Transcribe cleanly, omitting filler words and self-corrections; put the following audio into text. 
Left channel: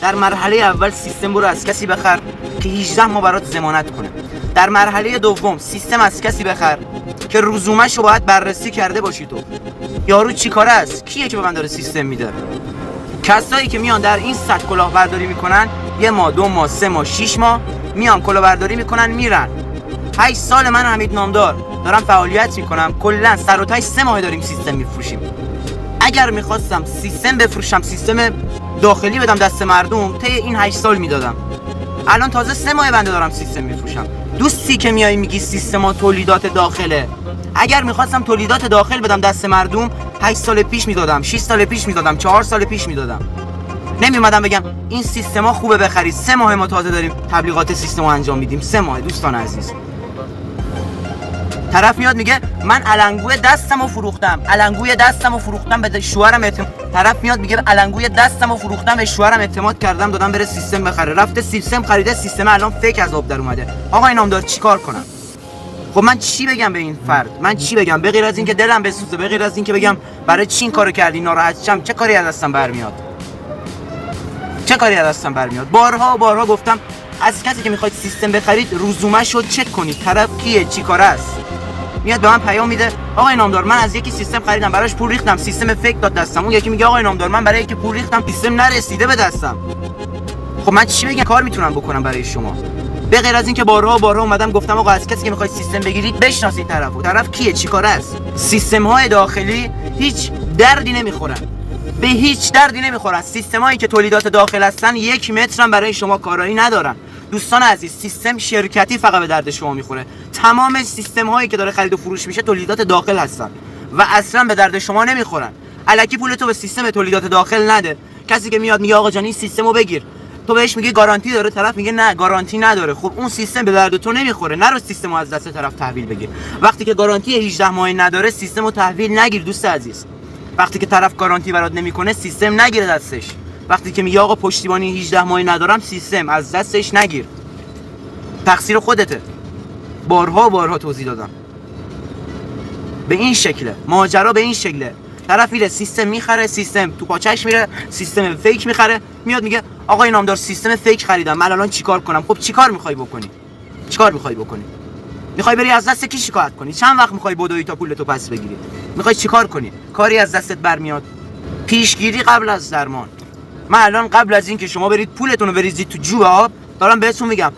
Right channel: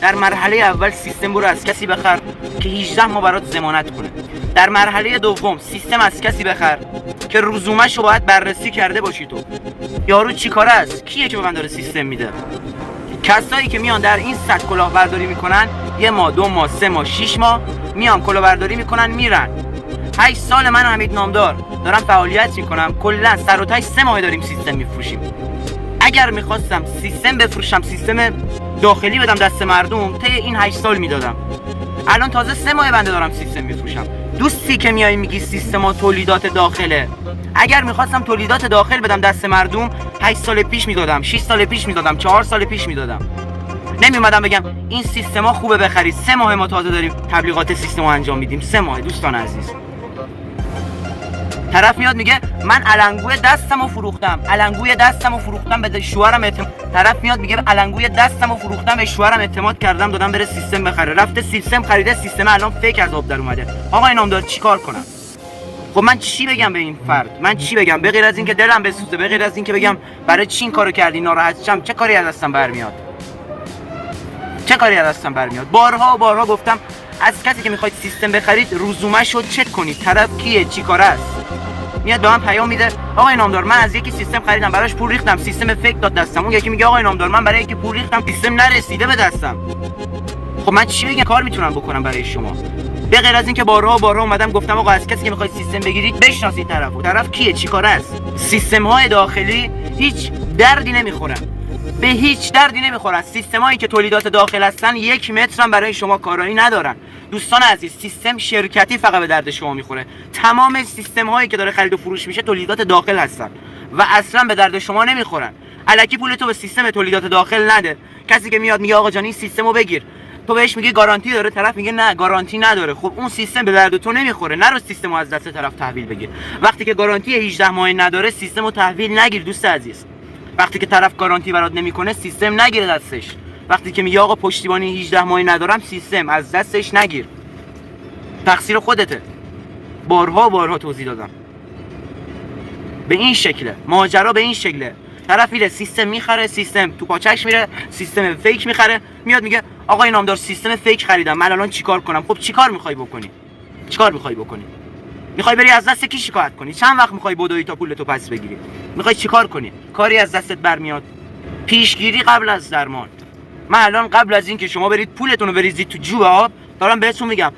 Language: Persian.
در مرحله اول سیستم برو از کسی بخر که 18 ماه برات ضمانت کنه. در مرحله دوم سیستم از کسی بخر که رزومه‌شو باید بررسی کرده باشی. تو یارو چیکاره است؟ کیه که به من داره سیستم میده؟ کسایی که میان در این سطح کلاهبرداری میکنن 1 ماه 2 ماه 3 ماه 6 ماه میان کلاهبرداری میکنن میرن. 8 سال من حمید نامدار دارم فعالیت میکنم، کلا سر و ته 3 ماه داریم سیستم میفروشیم. اگر میخواستم سیستم بفروشم، سیستم داخلی بدم دست مردم، طی این 8 سال میدادم. الان تازه 3 ماه بنده دارم سیستم میفروشم. دوستی که میای میگی سیستما تولیدات داخله، اگر میخواستم تولیدات داخل بدم دست مردم 8 سال پیش میدادم، 6 سال پیش میدادم، 4 سال پیش میدادم. نمیومدم بگم این سیستما خوبه بخرید. 3 ماه ما تازه داریم تبلیغات سیستما انجام میدیم. 3 ماه دوستان عزیز. طرف میاد میگه من علنگوی دستمو فروختم به شوهرم طرف میاد میگه علنگوی دستمو فروختم به شوهرم اعتماد کردم دادم بره سیستم بخره. رفته سیستم خریده، سیستم الان فیک از آب در اومده. آقا نامدار چیکار کنم؟ خب من چی بگم به این فرد؟ من چی بگم به غیر از اینکه دلم بسوزه، به غیر از اینکه بگم برای چی این کارو کردی، ناراحت شم؟ چه کاری از دستم برمیاد؟ بارها گفتم از کسی که میخواید سیستم بخرید رزومه‌شو چک کنید. طرف کیه، چی کاره است؟ میاد به من پیام میده آقای نامدار من از یکی سیستم خریدم، براش پول ریختم، سیستم فیک داد دستم. اون یکی میگه آقای نامدار من برای یکی پول ریختم، سیستم نرسیده به دستم. خب من چی بگم؟ کار میتونم بکنم برای شما؟ به غیر از اینکه بارها اومدم گفتم آقا از کسی که میخواید سیستم بگیرید بشناسید طرف کیه، چی کاره است. سیستم های داخلی هیچ دردی نمیخورن، به هیچ دردی نمیخورن. سیستم هایی که تولیدات داخل هستن 1 متر هم برای شما کارایی ندارن. دوستان عزیز، سیستم شرکتی فقط به درد شما میخوره. تمام سیستم هایی که داره خرید و فروش میشه تولیدات داخل هستن و اصلا به درد شما نمیخورن. الکی پولتو به سیستم تولیدات داخل نده. کسی که میاد میگه آقا جان این سیستمو بگیر، تو بهش میگی گارانتی داره، طرف میگه نه گارانتی نداره. خب اون سیستم به درد تو نمیخوره. نرو سیستمو از دست طرف تحویل بگیر. وقتی که گارانتی 18 ماهه نداره سیستمو تحویل نگیر دوست عزیز. وقتی که طرف گارانتی برات نمیکنه سیستم نگیر دستش. وقتی که میگه آقا پشتیبانی 18 ماهه ندارم، سیستم از دستش نگیر. تقصیر خودته. بارها توضیح دادم. به این شکله ماجرا، به این شکله. طرف میره سیستم میخره، سیستم تو پاچش میره، سیستم فیک میخره، میاد میگه آقای نامدار سیستم فیک خریدم، من الان چیکار کنم؟ خب چیکار میخوای بکنی؟ میخوای بری از دست کی شکایت کنی؟ چند وقت میخوای بدوی تا پولتو پس بگیری؟ میخوای چیکار کنی؟ کاری از دستت برمیاد؟ پیشگیری قبل از درمان. من الان قبل از اینکه شما برید پولتون رو بریزید تو جوب آب دارم بهتون میگم